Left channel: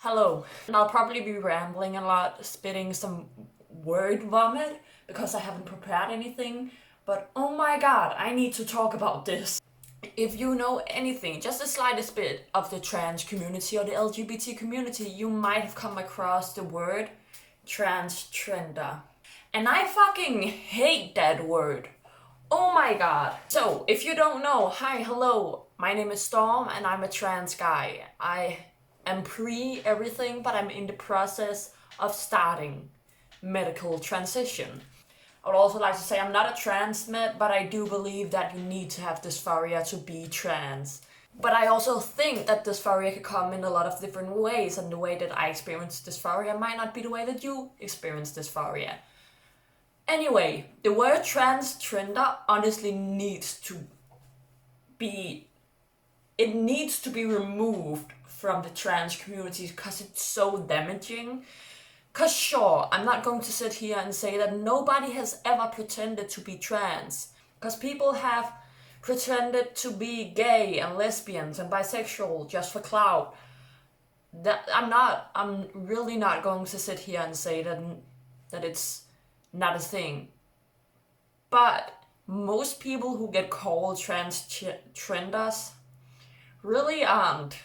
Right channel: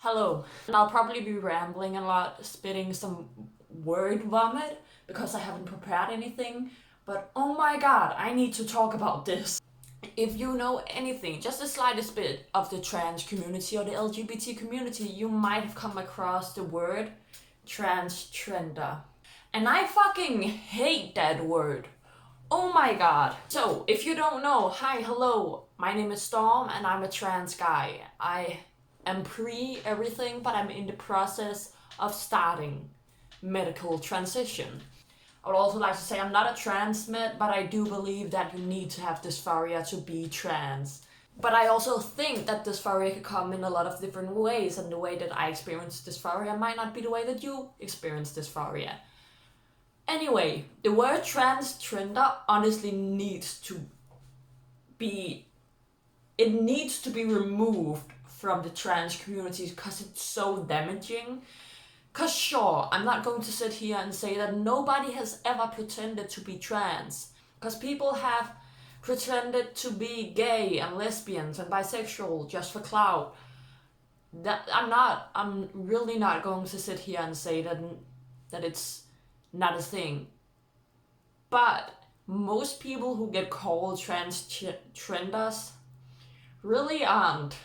Hello, and I'll probably be rambling a lot, spitting some word vomit because I haven't prepared anything, but oh my god, I need to talk about this. If you know anything, just the slightest bit of the trans community or the LGBT community, you might have come across the word transgender. And I fucking hate that word. Oh my god. So, if you don't know, hi, hello, my name is Storm and I'm a trans guy. I am pre everything, but I'm in the process of starting medical transition. I would also like to say I'm not a trans med, but I do believe that you need to have dysphoria to be trans. But I also think that dysphoria can come in a lot of different ways, and the way that I experience dysphoria might not be the way that you experience dysphoria. Anyway, the word transgender honestly needs to be removed from the trans community because it's so damaging. Because sure, I'm not going to sit here and say that nobody has ever pretended to be trans. Because people have pretended to be gay and lesbians and bisexual just for clout. I'm really not going to sit here and say that it's not a thing. But most people who get called transgenders really aren't.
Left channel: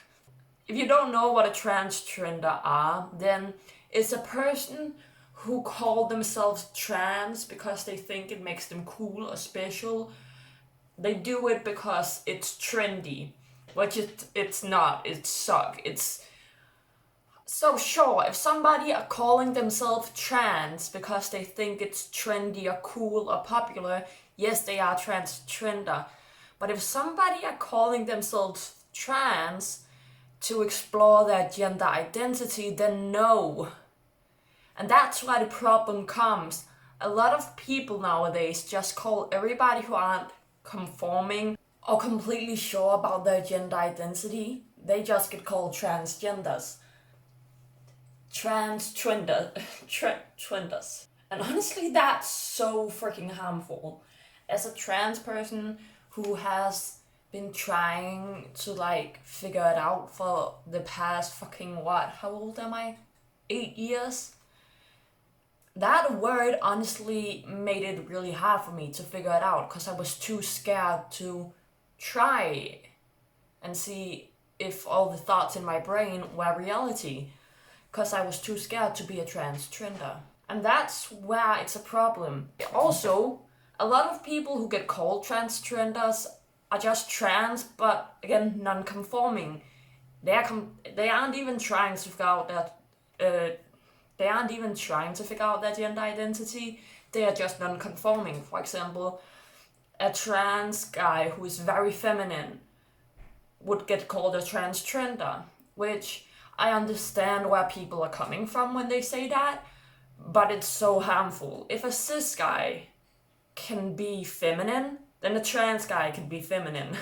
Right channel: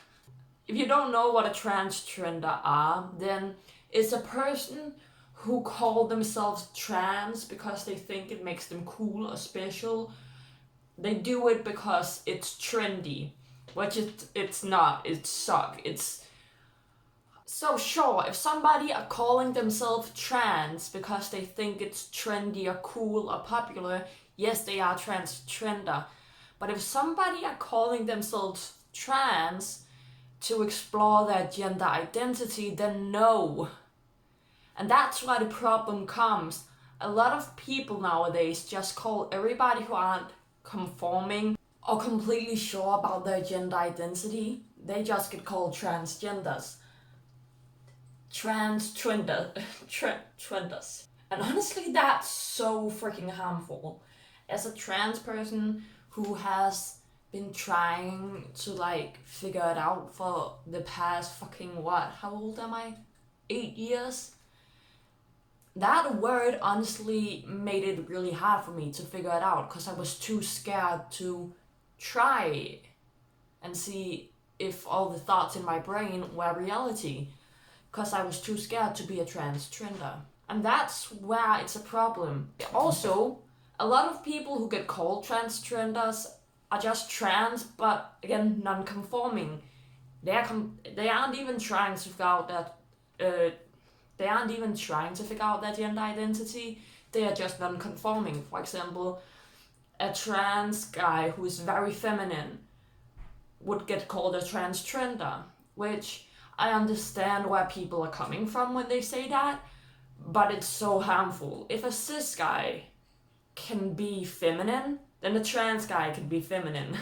If you don't know what a transgender are, then it's a person who call themselves trans because they think it makes them cool or special. They do it because it's trendy, which it's not. It's suck. It's so sure, if somebody are calling themselves trans because they think it's trendy or cool or popular, yes, they are transgender. But if somebody are calling themselves trans to explore their gender identity, then no. And that's where the problem comes. A lot of people nowadays just call everybody who aren't conforming or completely sure about their gender identity, they just get called transgenders. Trenders. And honestly, that's so freaking harmful. As a trans person who has been trying to figure it out for the past fucking how old am I? 8 years? That word honestly made it really hard for me to figure it out because I was too scared to try and see if all the thoughts in my brain were reality, because I was too scared to be a transgender. And that's where it's a problem. Also, a lot of people who get called transgenders are just trans, but again, non-conforming. They aren't even trying to figure out that they aren't even trying to figure out their gender identity. They are just non-conforming. For example, a trans guy who is very feminine would get called a transgender, which I understand where people are coming from when they say that, but it's so harmful. If a cis guy can be feminine, then a trans guy can be feminine.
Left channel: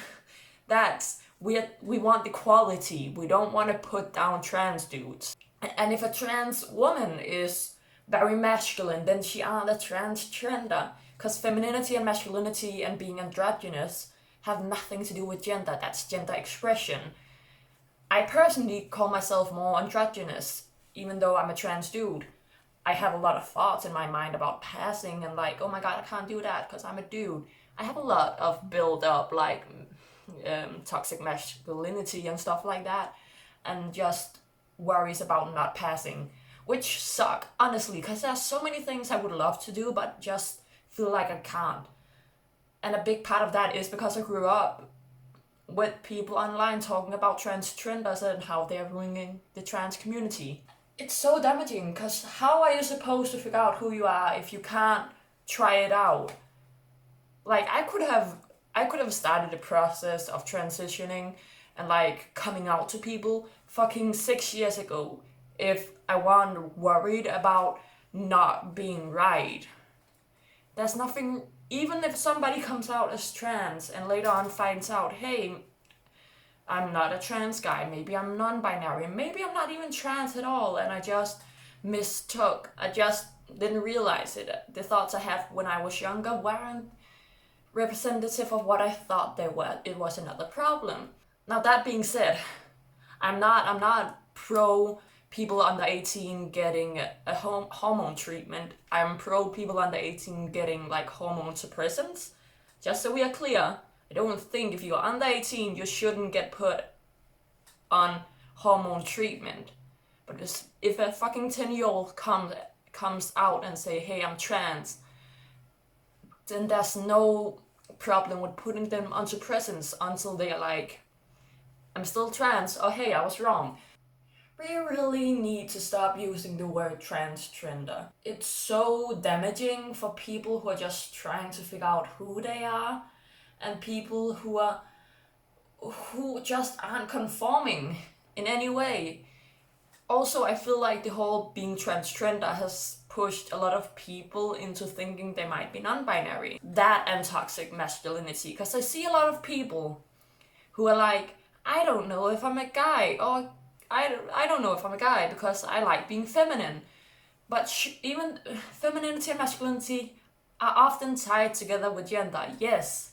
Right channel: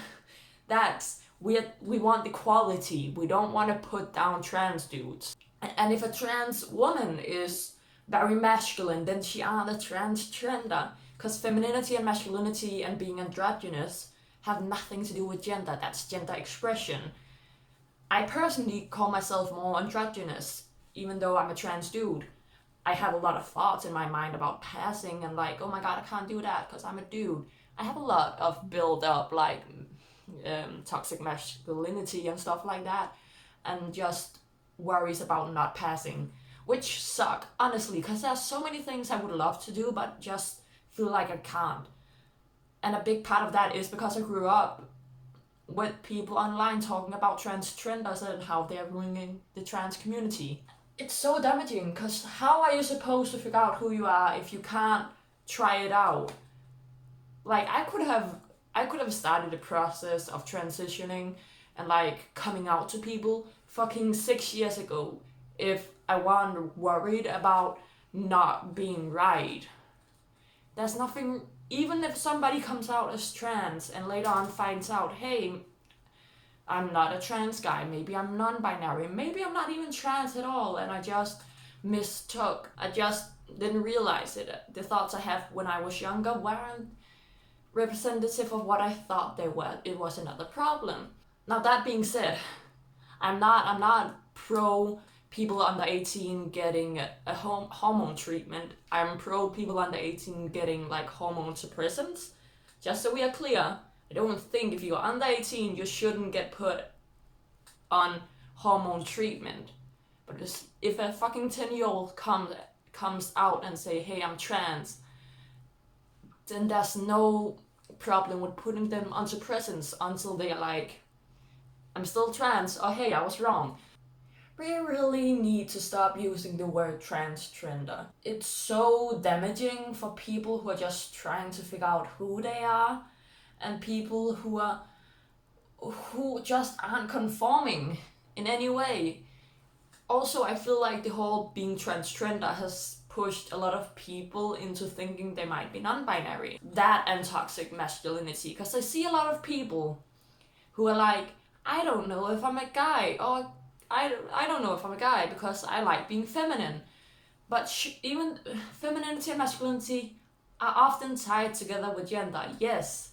We want equality. We don't want to put down trans dudes. And if a trans woman is very masculine, then she aren't a transgender. Because femininity and masculinity and being androgynous have nothing to do with gender. That's gender expression. I personally call myself more androgynous, even though I'm a trans dude. I have a lot of thoughts in my mind about passing and oh my god, I can't do that because I'm a dude. I have a lot of build up toxic masculinity and stuff like that, and just worries about not passing, which suck, honestly, because there's so many things I would love to do but just feel like I can't. And a big part of that is because I grew up with people online talking about transgenders and how they're ruining the trans community. It's so damaging, because how are you supposed to figure out who you are if you can't try it out? I could have started the process of transitioning and coming out to people fucking 6 years ago if I wasn't worried about not being right. There's nothing, even if somebody comes out as trans and later on finds out, hey, I'm not a trans guy, maybe I'm non-binary, maybe I'm not even trans at all, and I just didn't realize it. The thoughts I have when I was younger weren't representative of what I thought they were. It was another problem. Now that being said, I'm not pro people under 18 getting a hormone treatment. I'm pro people under 18 getting like hormone suppressants. Just so we are clear, I don't think if you're under 18 you shouldn't get put on hormone treatment. But if a fucking 10-year-old comes out and say, hey, I'm trans, then there's no problem with putting them on suppressants until they're like, I'm still trans, or hey, I was wrong. We really need to stop using the word transgender. It's so damaging for people who are just trying to figure out who they are, and people who just aren't conforming in any way. Also, I feel like the whole being transgender has pushed a lot of people into thinking they might be non-binary. That and toxic masculinity, because I see a lot of people who are like, I don't know if I'm a guy, or I don't know if I'm a guy because I like being feminine. But even femininity and masculinity are often tied together with gender, yes,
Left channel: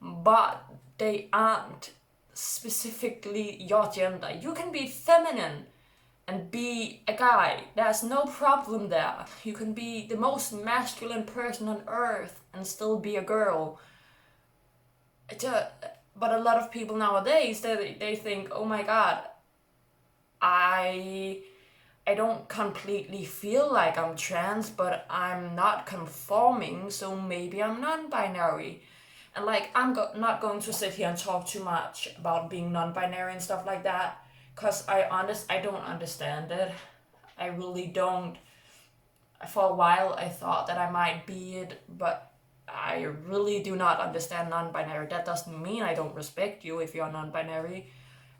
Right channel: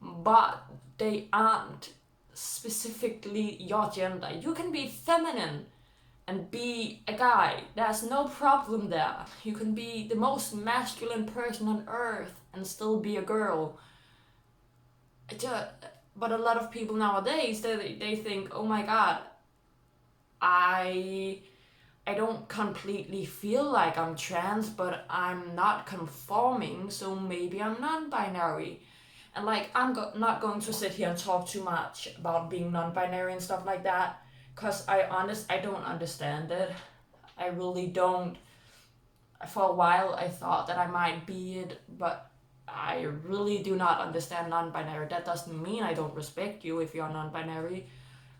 but they aren't specifically your gender. You can be feminine and be a guy. There's no problem there. You can be the most masculine person on earth and still be a girl. But a lot of people nowadays, they think, oh my god, I don't completely feel like I'm trans, but I'm not conforming, so maybe I'm non-binary. And like, I'm not going to sit here and talk too much about being non-binary and stuff like that, because I don't understand it. I really don't. For a while I thought that I might be it, but I really do not understand non-binary. That doesn't mean I don't respect you if you're non-binary.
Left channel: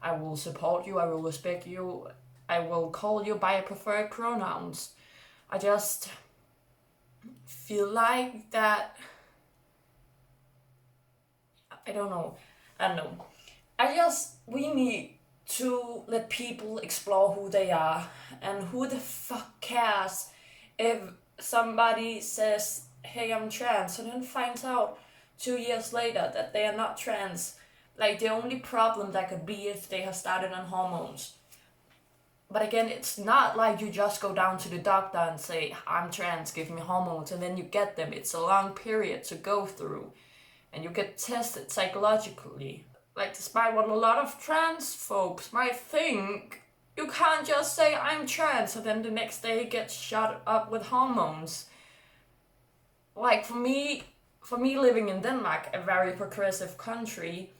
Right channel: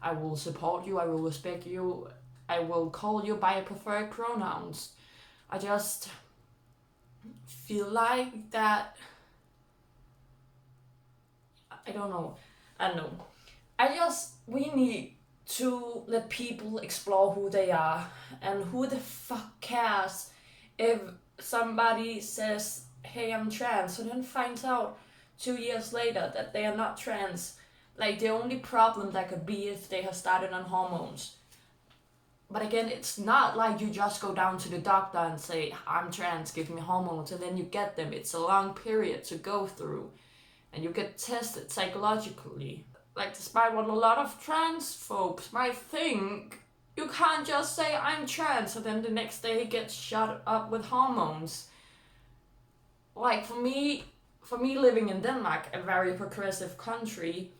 I will support you, I will respect you, I will call you by preferred pronouns. I just feel like that, I don't know. We need to let people explore who they are, and who the fuck cares if somebody says, hey, I'm trans, and then finds out 2 years later that they are not trans. Like, the only problem that could be if they have started on hormones. But again, it's not like you just go down to the doctor and say, I'm trans, give me hormones, and then you get them. It's a long period to go through, and you get tested psychologically. Like, despite what a lot of trans folks might think, you can't just say, I'm trans, and then the next day get shot up with hormones. Like, for me living in Denmark, a very progressive country,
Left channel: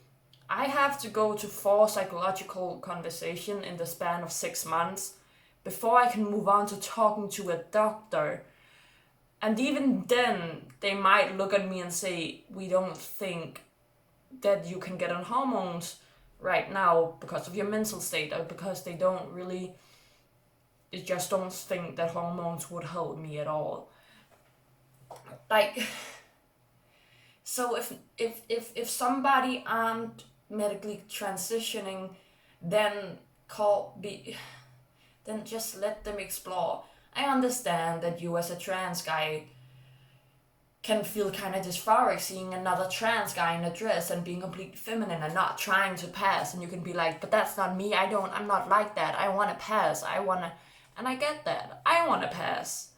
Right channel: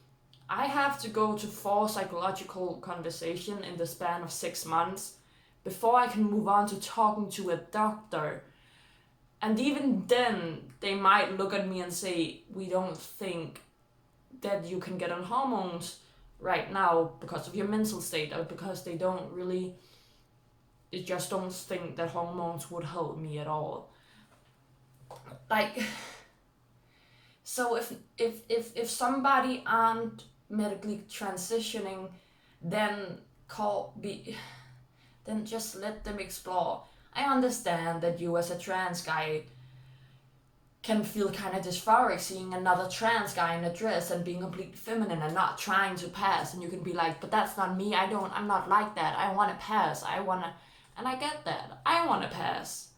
I have to go to 4 psychological conversations in the span of 6 months before I can move on to talking to a doctor. And even then, they might look at me and say, we don't think that you can get on hormones right now because of your mental state, or because they just don't think that hormones would help me at all. Like, so if somebody aren't medically transitioning, then just let them explore. I understand that you as a trans guy can feel kind of dysphoric seeing another trans guy in a dress and being completely feminine and not trying to pass, and you can be like, but that's not me, I'm not like that, I want to pass, and I get that, I want to pass.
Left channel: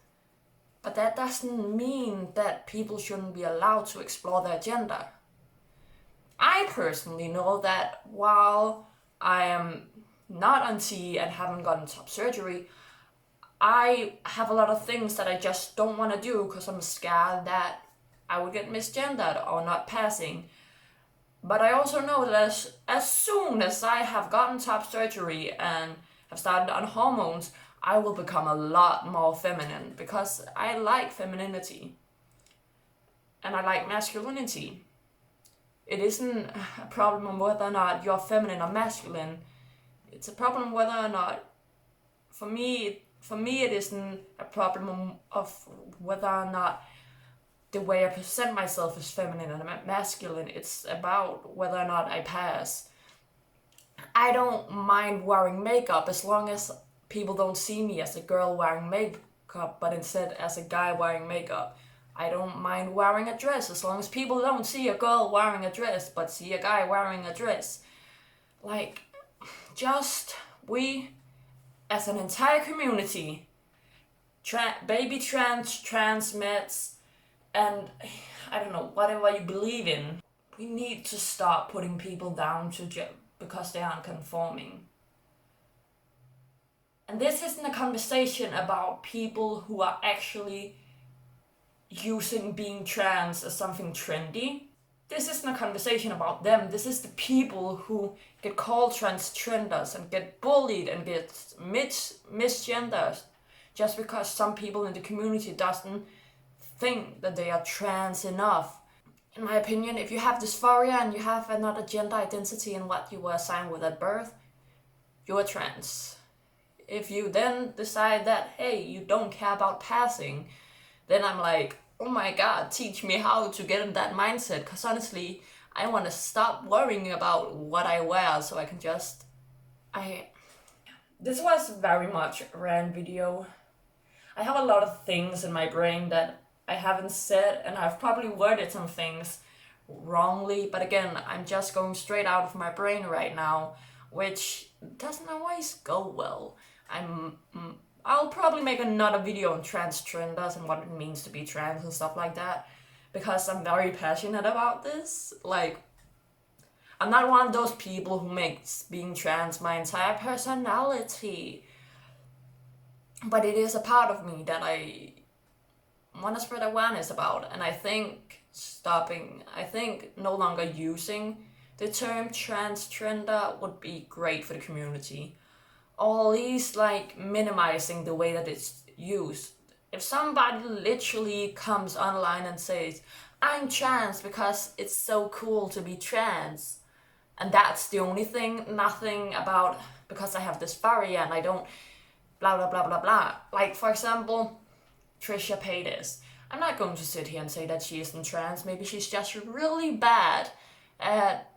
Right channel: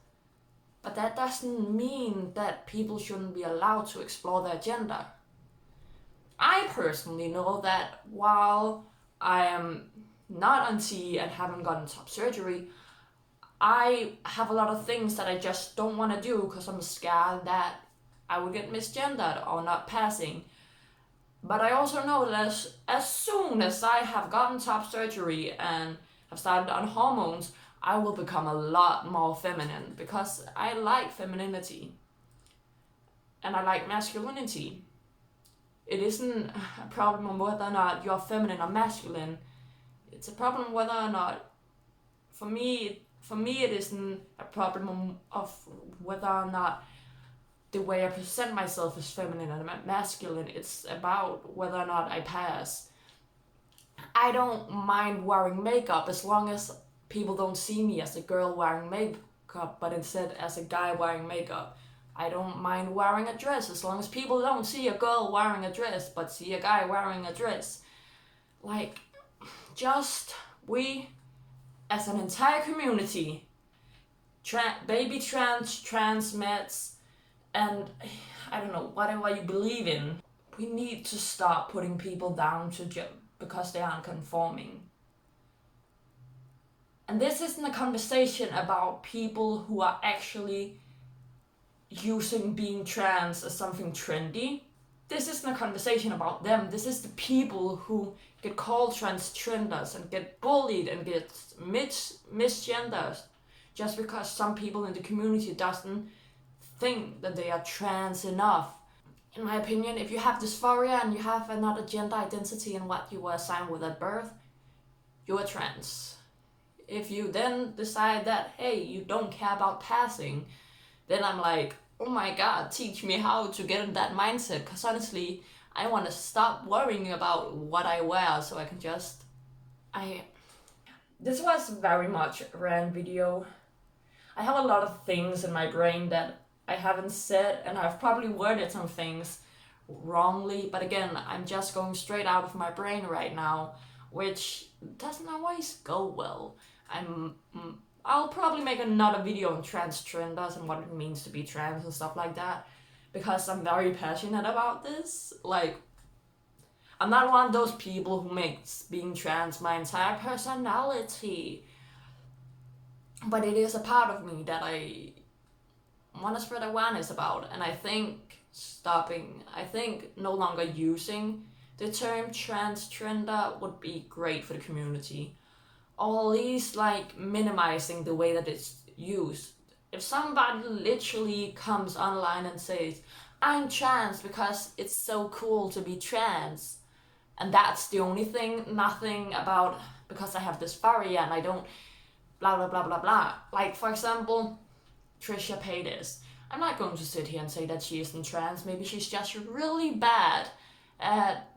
But that doesn't mean that people shouldn't be allowed to explore their gender. I personally know that while I am not on T and haven't gotten top surgery, I have a lot of things that I just don't want to do because I'm scared that I would get misgendered or not passing. But I also know that as soon as I have gotten top surgery and have started on hormones, I will become a lot more feminine, because I like femininity and I like masculinity. It isn't a problem on whether or not you're feminine or masculine. It's a problem whether or not, for me it isn't a problem of whether or not the way I present myself is feminine and masculine. It's about whether or not I pass. I don't mind wearing makeup as long as people don't see me as a girl wearing makeup, but instead as a guy wearing makeup. I don't mind wearing a dress as long as people don't see a girl wearing a dress, but see a guy wearing a dress. Like, just, we as an entire community, baby trans meds, and I don't know, whatever you believe in, we need to stop putting people down because they aren't conforming. And this isn't a conversation about people who are actually using being trans as something trendy. This isn't a conversation about them. This is the people who get called transgenders and get bullied and get misgendered just because some people in the community doesn't think that they are trans enough. In my opinion, if you have dysphoria and you have another gender identity in what you were assigned with at birth, you are trans. If you then decide that, hey, you don't care about passing, then I'm like, oh my god, teach me how to get in that mindset, because honestly, I want to stop worrying about what I wear so I can just... This was very much a rant video. I have a lot of things in my brain that I haven't said, and I've probably worded some things wrongly, but again, I'm just going straight out of my brain right now, which doesn't always go well. I'll probably make another video on TransTrenderes and what it means to be trans and stuff like that, because I'm very passionate about this. Like, I'm not one of those people who makes being trans my entire personality, but it is a part of me that I want to spread awareness about, and I think no longer using the term transgender would be great for the community. Or at least like minimizing the way that it's used. If somebody literally comes online and says, I'm trans because it's so cool to be trans, and that's the only thing, nothing about because I have dysphoria and I don't blah blah blah blah blah. Like, for example, Trisha Paytas. I'm not going to sit here and say that she isn't trans. Maybe she's just really bad at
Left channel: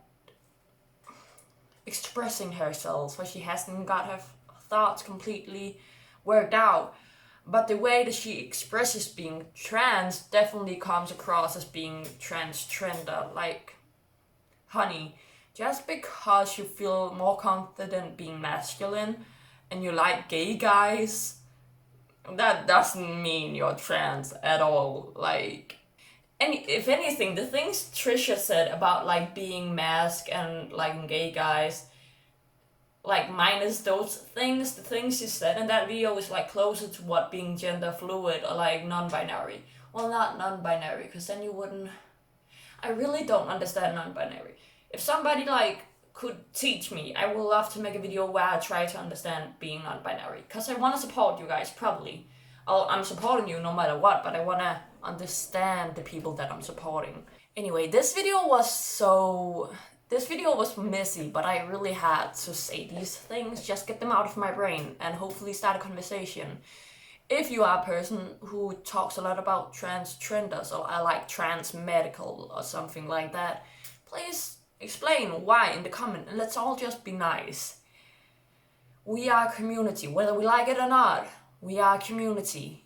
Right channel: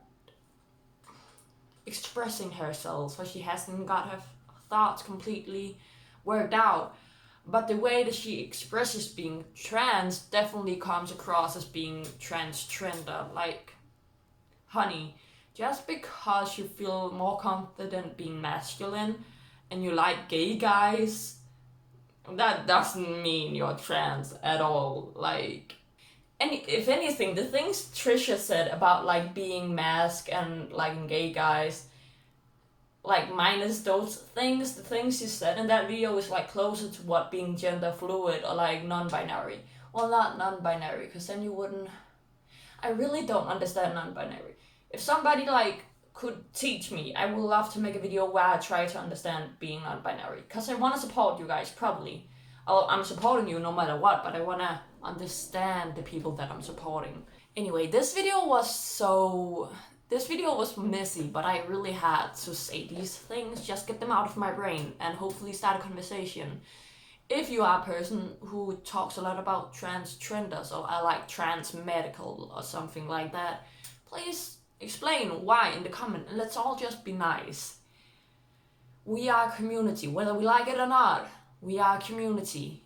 expressing herself, so she hasn't got her thoughts completely worked out. But the way that she expresses being trans definitely comes across as being transgender. Like, honey, just because you feel more confident being masculine and you like gay guys, that doesn't mean you're trans at all. Like, if anything, the things Trisha said about like being masked and liking gay guys, like minus those things, the things she said in that video is like closer to what being gender fluid or like non-binary. Well, not non-binary, because then you wouldn't... I really don't understand non-binary. If somebody like could teach me, I would love to make a video where I try to understand being non-binary, because I want to support you guys, probably. I'm supporting you no matter what, but I want to understand the people that I'm supporting. Anyway, this video was messy, but I really had to say these things, just get them out of my brain and hopefully start a conversation. If you are a person who talks a lot about transgenders or I like trans medical or something like that, please explain why in the comment, and let's all just be nice. We are a community, whether we like it or not. We are a community.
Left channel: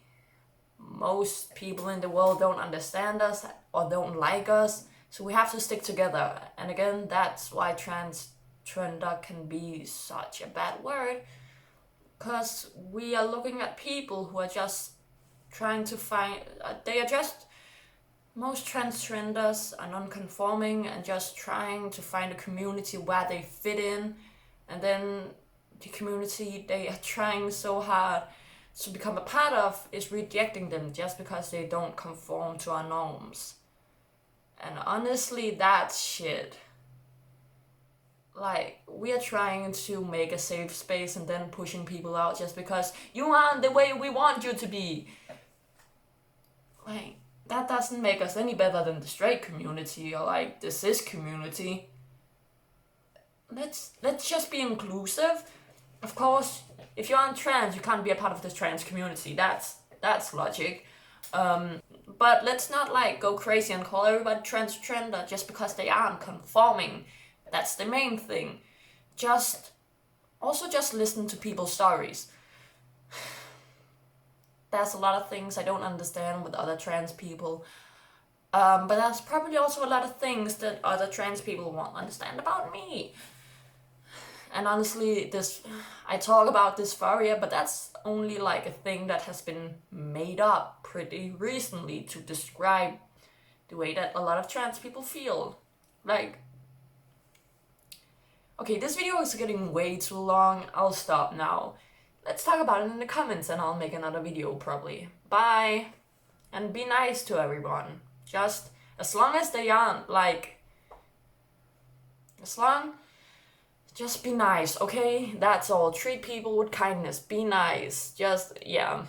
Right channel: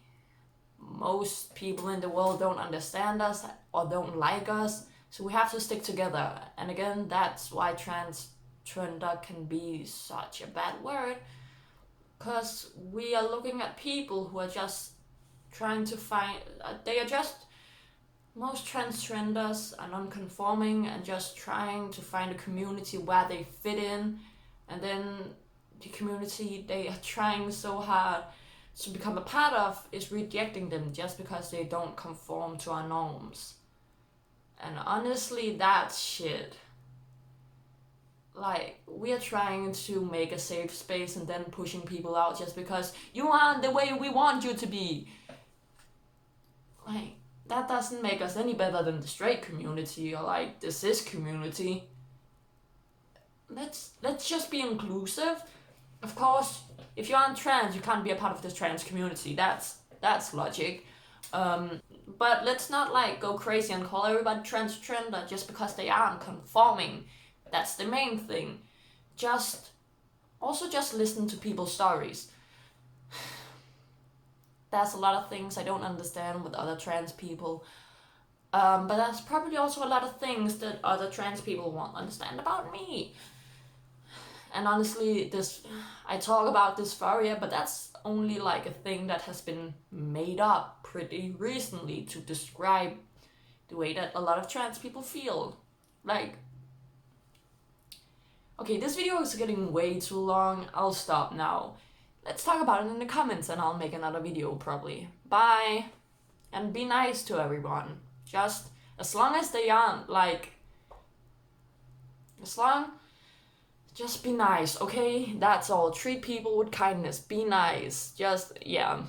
Most people in the world don't understand us or don't like us, so we have to stick together. And again, that's why transgender can be such a bad word, because we are looking at people who are just trying to find, most transgenders are non-conforming and just trying to find a community where they fit in, and then the community they are trying so hard to become a part of is rejecting them just because they don't conform to our norms. And honestly, that's shit. Like, we are trying to make a safe space and then pushing people out just because you aren't the way we want you to be. Like, that doesn't make us any better than the straight community or like the cis community. Let's just be inclusive. Of course, if you aren't trans, you can't be a part of the trans community. That's logic. But let's not like go crazy and call everybody transgender just because they aren't conforming. That's the main thing. Just listen to people's stories. There's a lot of things I don't understand with other trans people. But there's probably also a lot of things that other trans people won't understand about me. And honestly, I talk about dysphoria, but that's only like a thing that has been made up pretty recently to describe the way that a lot of trans people feel. Like, okay, this video is getting way too long. I'll stop now. Let's talk about it in the comments and I'll make another video probably. Bye! And be nice to everyone. Just as long as they aren't like... Just be nice, okay? That's all. Treat people with kindness. Be nice. Just, yeah.